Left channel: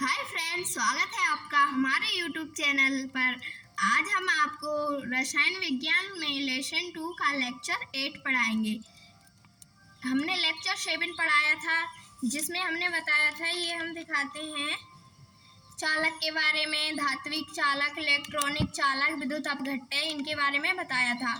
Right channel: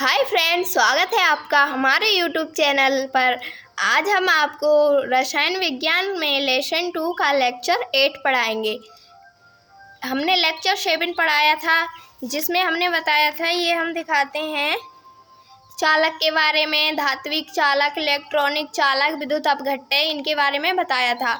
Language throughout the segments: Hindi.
हाय फ्रेंड्स, स्वागत है आपका हमारे यूट्यूब चैनल पर। आज हम आपको रसायन विज्ञान में लेसन 2 का लेक्चर 8 पढ़ाएंगे। हमने लेक्चर 7 पढ़ाया था, जिसमें हमने बताया था, ये हम दिखाते हैं, चालक के बारे में, धात्विक चालक, इलेक्ट्रॉनिक चालक, विद्युत अपघट्य, इनके बारे में बताया था।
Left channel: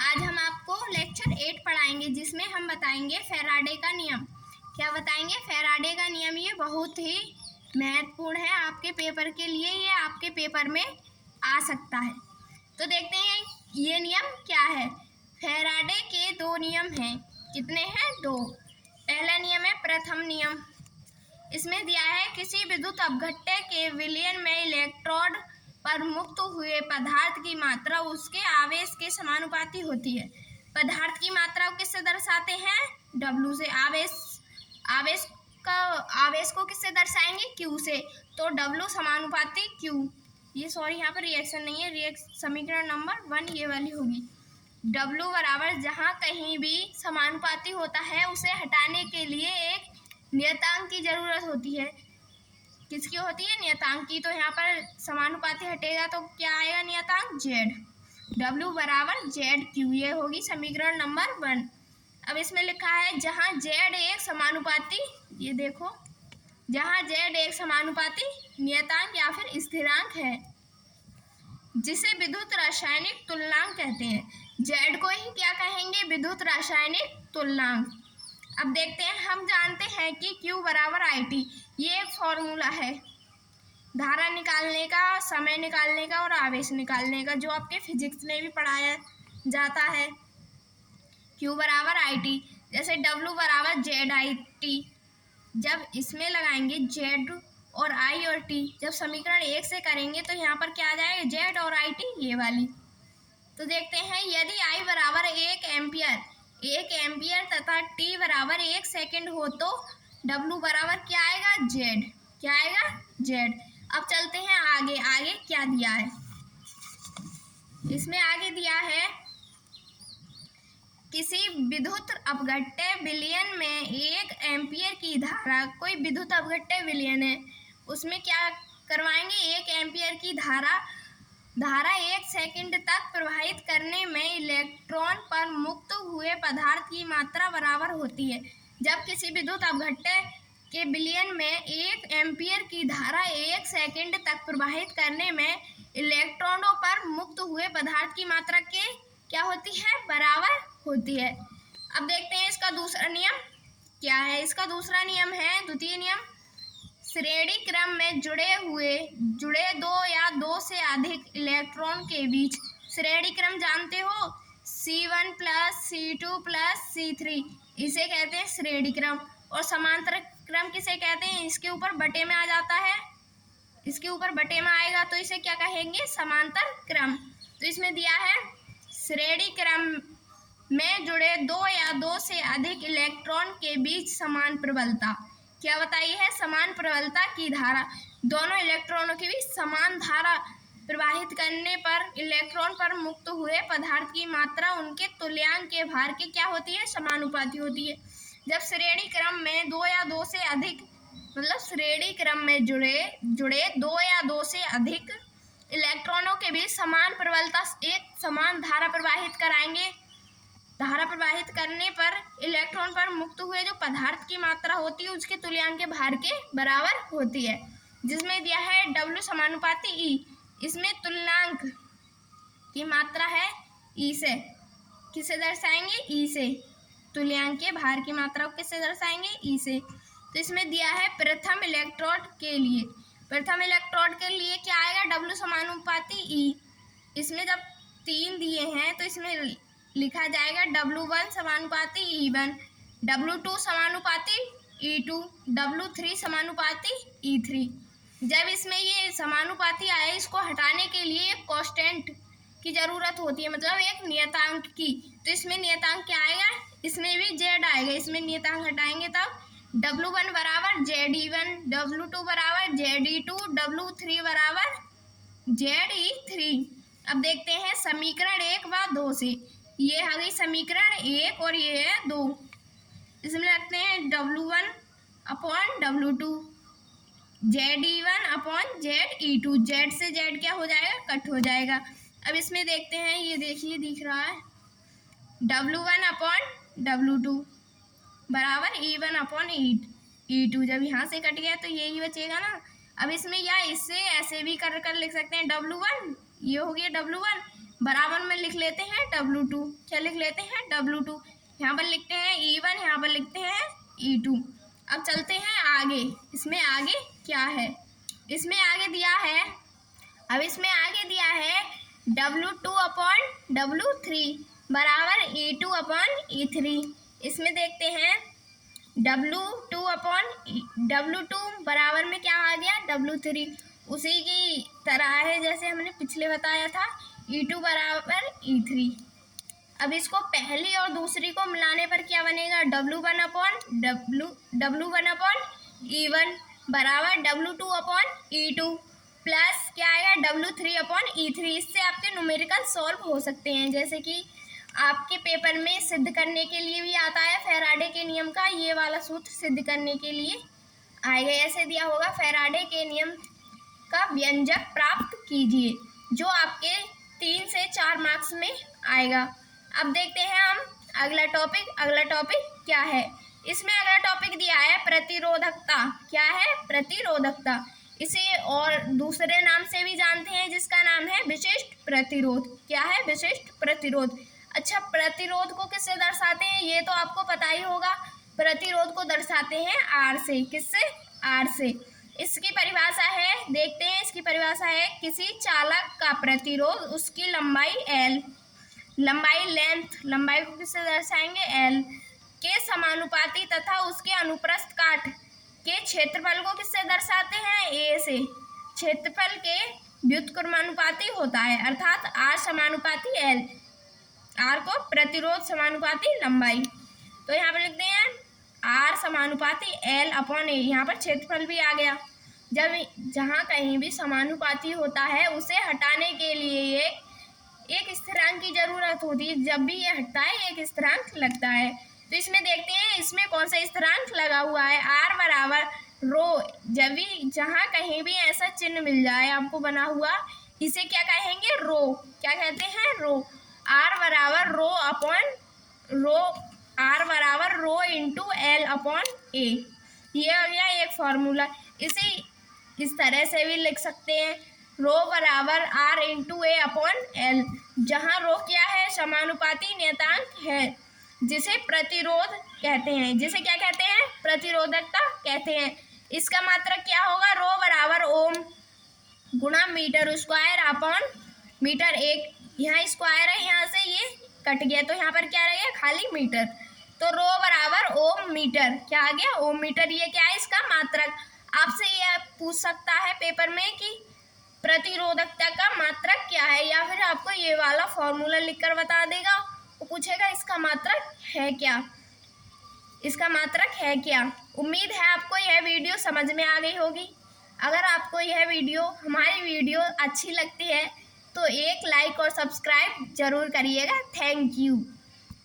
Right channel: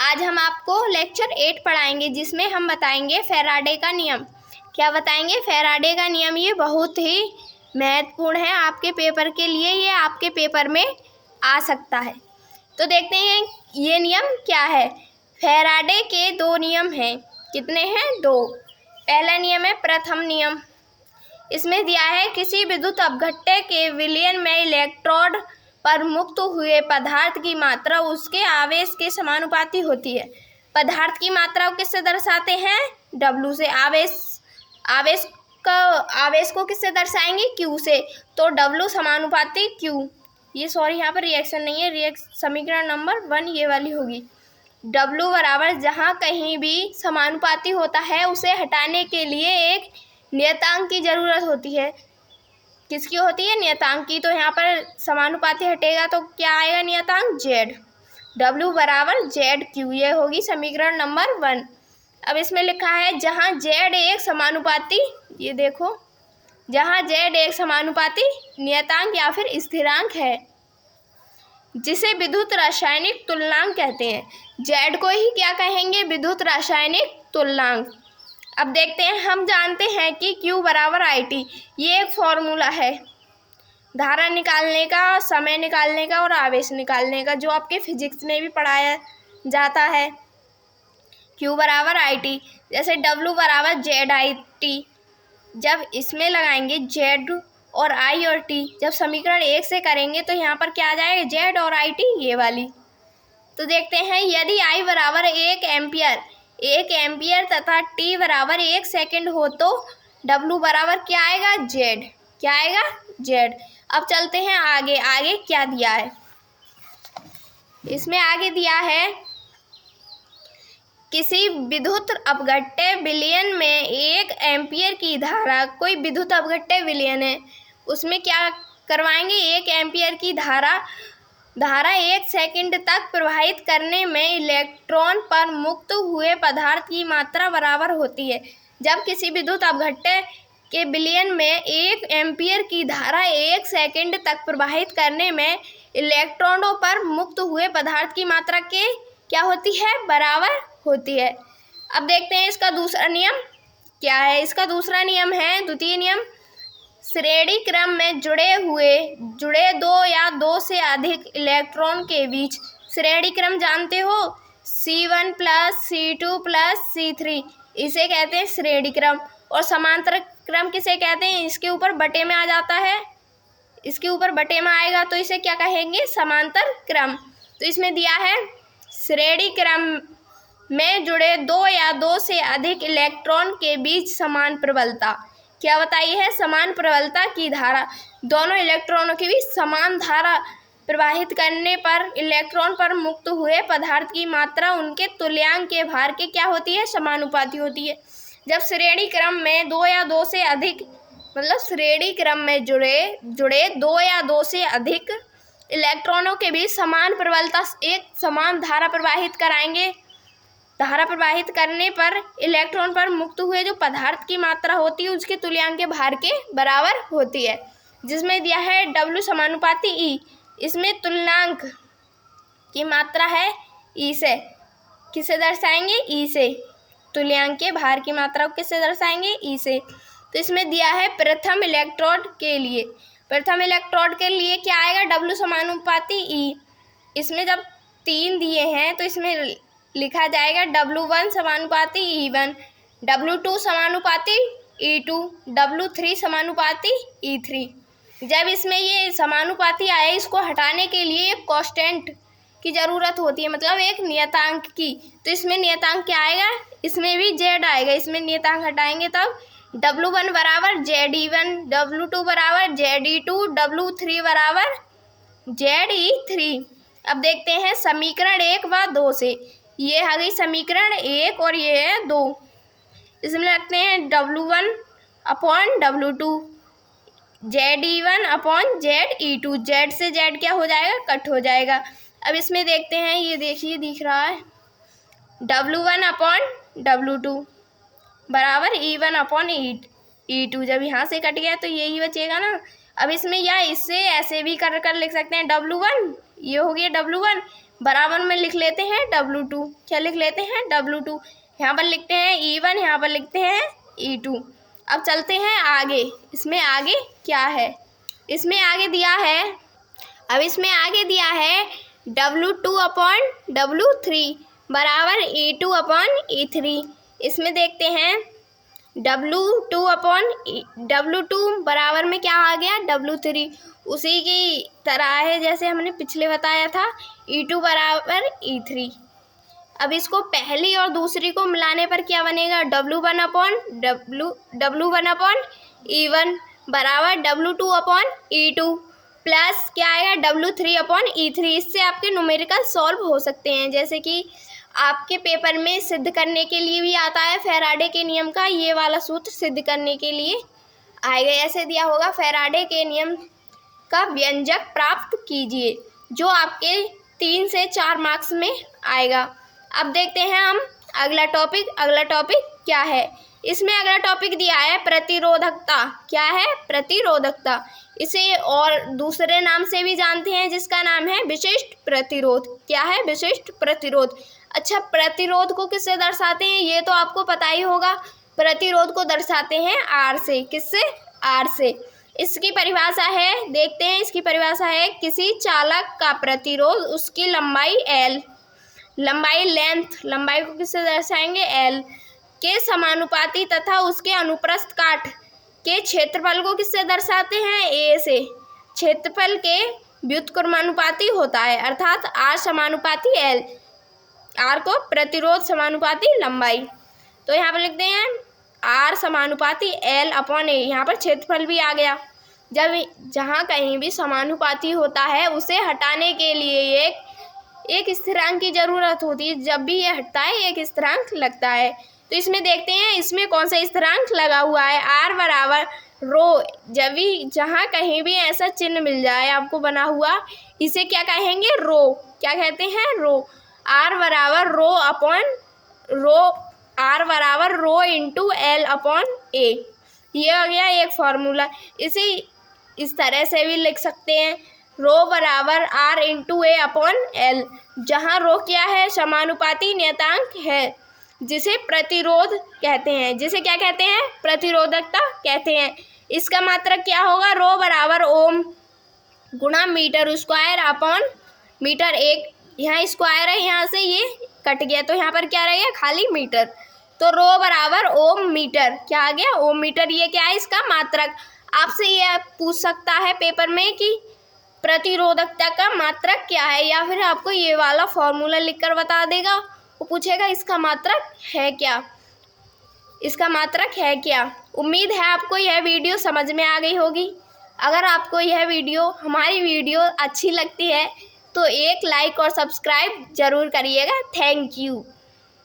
आज हम आपको लेक्चर 8 पढ़ाएंगे, जिसमें हम बताएंगे फैराडे का नियम। क्या बताएंगे? फैराडे का नियम। ये बहुत ही महत्वपूर्ण है आपके पेपर के लिए, ये आपके पेपर में आ सकता है। तो देखते हैं ये नियम क्या है। फैराडे के 2 नियम हैं। कितने हैं? 2। पहला नियम है प्रथम नियम। इसमें दिया है किसी विद्युत अपघट्य के विलयन में इलेक्ट्रोड पर मुक्त हुए पदार्थ की मात्रा उसके आवेश के समानुपाती होती है। पदार्थ की मात्रा को किससे दर्शाते हैं? W से। आवेश को किससे दर्शाएंगे? Q से। तो W समानुपाती Q। ये सॉरी, यहाँ पर रिएक्शन नहीं है, समीकरण नंबर 1 ये वाली होगी। W बराबर जहाँ कहीं भी समानुपाती होता है उसे हटाने के लिए एक नियतांक की जरूरत होती है। किसकी होती है? नियतांक की। तो यहाँ पर समानुपाती हटेगा तो क्या आएगा? नियतांक Z। W बराबर ZQ, ये होगी समीकरण नंबर 1। अब इसमें लिखा है जहाँ Z एक समानुपाती, ये देखो, जहाँ Z एक समानुपाती नियतांक या फिर स्थिरांक है, जिसे विद्युत रासायनिक तुल्यकांक कहते हैं। Z को ही क्या कहेंगे? विद्युत रासायनिक तुल्यकांक। अब देखते हैं, हम जानते हैं कि Q बराबर IT। ये एक फॉर्मूला है धारा निकालने का, समय निकालने का और आवेश निकालने का, जो आपके फिजिक्स में भी पढ़ाया जाता है। Q बराबर IT, जैसे W बराबर ZIT। जब इसमें लगाएंगे Z और I और T, जब समीकरण 1 से करेंगे तो यहाँ पर क्या आ जाएगा? Z और IT, ये वाली। तो देखते हैं, यदि I बराबर 1 एम्पियर तथा T बराबर 1 सेकेंड हो तो W बराबर क्या आएगा? Z। क्या आएगा? Z। अब चलते हैं आगे। आगे क्या दिया है? इसमें आगे दिया है किसी विद्युत अपघट्य विलयन में 1 एम्पियर की धारा, कोई विद्युत अपघट्य विलयन है, उसमें क्या करवाएंगे? 1 एम्पियर की धारा 1 सेकंड तक प्रवाहित करने में इलेक्ट्रॉन पर मुक्त हुए पदार्थ की मात्रा बराबर होती है। जब किसी विद्युत अपघट्य के विलयन में 1 एम्पियर की धारा 1 सेकंड तक प्रवाहित करने में इलेक्ट्रॉनों पर मुक्त हुए पदार्थ की मात्रा के क्या होती है? बराबर होती है। अब देखते हैं इसका दूसरा नियम क्या है। इसका दूसरा नियम है, द्वितीय नियम, श्रेणी क्रम में जुड़े 2 या 2 से अधिक इलेक्ट्रॉन के बीच। श्रेणी क्रम जानते हो? C1 plus C2 plus C3, इसे कहते हैं श्रेणी क्रम। और समांतर क्रम किसे कहते हैं? इसके ऊपर बटे में आ जाता है, इसके ऊपर बटे में आएगा तो इसे क्या कहेंगे? समांतर क्रम। तो इसमें दिया है श्रेणी क्रम में जुड़े 2 या 2 से अधिक इलेक्ट्रॉन के बीच समान प्रबलता। क्या बताई है? समान प्रबलता की धारा, दोनों इलेक्ट्रॉनों के बीच समान धारा प्रवाहित करने पर इलेक्ट्रॉन पर मुक्त हुए पदार्थ की मात्रा उनके तुल्यांक के भार के क्या होती है? समानुपाती होती है। जब श्रेणी क्रम में 2 या 2 से अधिक, मतलब श्रेणी क्रम में जुड़े 2 या 2 से अधिक इलेक्ट्रॉनों के बीच समान प्रबलता, एक समान धारा प्रवाहित कराएंगे। धारा प्रवाहित करने पर इलेक्ट्रॉन पर मुक्त हुए जो पदार्थ की मात्रा होती है उसके तुल्यांक के भार के बराबर होती है, जिसमें दिया है W समानुपाती E। इसमें तुल्यांक की मात्रा है E से। किसे दर्शाएंगे? E से। तुल्यांक के भार की मात्रा को किससे दर्शाएंगे? E से। तो इसमें दिया है प्रथम इलेक्ट्रोड के लिए। प्रथम इलेक्ट्रोड के लिए क्या आएगा? W समानुपाती E। इसमें जब 3 दिए हैं तो इसमें लिखा जाएगा W1 समानुपाती E1, W2 समानुपाती E2, W3 समानुपाती E3। जब इसमें ये समानुपाती आए, इसको हटाने के लिए एक कांस्टेंट की ज़रूरत होती है, मतलब एक नियतांक की। तो इसमें नियतांक क्या आएगा? इसमें भी Z आएगा। इसमें नियतांक हटाएंगे तब W1 बराबर ZE1, W2 बराबर ZE2, W3 बराबर ZE3। अब देखते हैं समीकरण 1 व 2 से। ये आ गई समीकरण 1 और ये है 2। इसमें रखते हैं W1 upon W2। ZE1 upon ZE2, Z से जेड क्या हो जाएगा, कट हो जाएगा। अब इसमें देखते हैं, ये देखिए दिख रहा है W1 अपॉन W2 बराबर E1 अपॉन E2। जब यहाँ से कट गया तो यही बचेगा ना। अब इसमें या इससे ऐसे भी कर लिख सकते हैं, W1 ये हो गया W1 बराबर में लिख लेते हैं W2। क्या लिख लेते हैं, W2। यहाँ पर लिखते हैं E1, यहाँ पर लिखते हैं E2। अब चलते हैं आगे। इसमें आगे क्या है, इसमें आगे दिया है, अब इसमें आगे दिया है W2 अपॉन W3 बराबर E2 अपॉन E3। इसमें देखते हैं W2 अपॉन W2 बराबर में क्या आ गया, W3। उसी की तरह है जैसे हमने पिछले बताया था, E2 बराबर E3। अब इसको पहली और दूसरी को मिलाने पर क्या बनेगा, W1 अपॉन E1 बराबर W2 अपॉन E2 प्लस क्या आएगा, W3 अपॉन E3। इससे आपके न्यूमेरिकल सॉल्व हो सकते हैं। जैसे कि आपके पेपर में सिद्ध करने के लिए भी आता है फैराडे के नियम का, ये वाला सूत्र सिद्ध करने के लिए आएगा। ऐसे दिया होगा, फैराडे के नियम का व्यंजक प्राप्त कीजिए, जो आपके 3 से 4 मार्क्स में आएगा। अब देखते हैं हम अगला टॉपिक। अगला टॉपिक क्या है, इसमें अगला टॉपिक दिया है प्रतिरोधकता। क्या है, प्रतिरोधकता। इसे और दूसरे नाम से भी जानते हैं, जिसका नाम है विशिष्ट प्रतिरोध। क्या है, विशिष्ट प्रतिरोध। अच्छा, प्रतिरोध को किससे दर्शाते हैं, ये तो आपको पता ही होगा। प्रतिरोध को दर्शाते हैं R से। किससे, R से। इसकी परिभाषा है, देखते हैं इसकी परिभाषा है, किसी चालक का प्रतिरोध उसकी लंबाई L, लंबाई लेंथ, लंबाई को किससे दर्शाएंगे, L के समानुपाती तथा उसके अनुप्रस्थ काट के क्षेत्रफल को किससे दर्शाते हैं, A से। क्षेत्रफल के व्युत्क्रमानुपाती होता है, अर्थात R समानुपाती L, R को प्रतिरोध समानुपाती लंबाई। तो यहाँ पर लिखते हैं R समानुपाती L अपॉन A। यहाँ पर क्षेत्रफल भी आ गया। जब जहाँ कहीं भी समानुपाती होता है, उसे हटाने के लिए एक स्थिरांक की जरूरत होती है। जब भी ये हटता है, एक स्थिरांक लगता है। तो इसमें देखते हैं इसमें कौन सा स्थिरांक लगा हुआ है, R बराबर रो। जब भी जहाँ कहीं भी ऐसा चिन्ह मिल जाए आपको बना हुआ, इसे क्या कहेंगे, रो। क्या कहते हैं, रो। R बराबर रो अपॉन रो, R बराबर rho into L upon A। ये हो गया एक फॉर्मूला। इसे इस तरह से भी लिख सकते हैं, रो बराबर R into A upon L, जहाँ रो क्या है, समानुपाती नियतांक है, जिसे प्रतिरोध कहते हैं। जिसे क्या कहते हैं, प्रतिरोधकता कहते हैं। इसका मात्रक क्या होगा, रो बराबर ओम गुणा मीटर स्क्वायर अपॉन मीटर। एक यहाँ स्क्वायर है, यहाँ से ये कट गया, तो यहाँ पर क्या रहेगा, खाली मीटर। तो रो बराबर ओम मीटर। क्या आ गया, ओम मीटर। ये क्या है, इसका मात्रक। आपसे ये पूछ सकता है पेपर में कि प्रतिरोधकता का मात्रक क्या है, या फिर आपको ये वाला फॉर्मूला लिखकर बता देगा। वो पूछेगा इसका मात्रक है क्या, इसका मात्रक है क्या। उम्मीद है आपको यह वीडियो समझ में आ गई होगी। अगर आपको यह वीडियो, हमारी वीडियो अच्छी लगती है तो एक लाइक और सब्सक्राइब जरूर करिएगा। Thank you.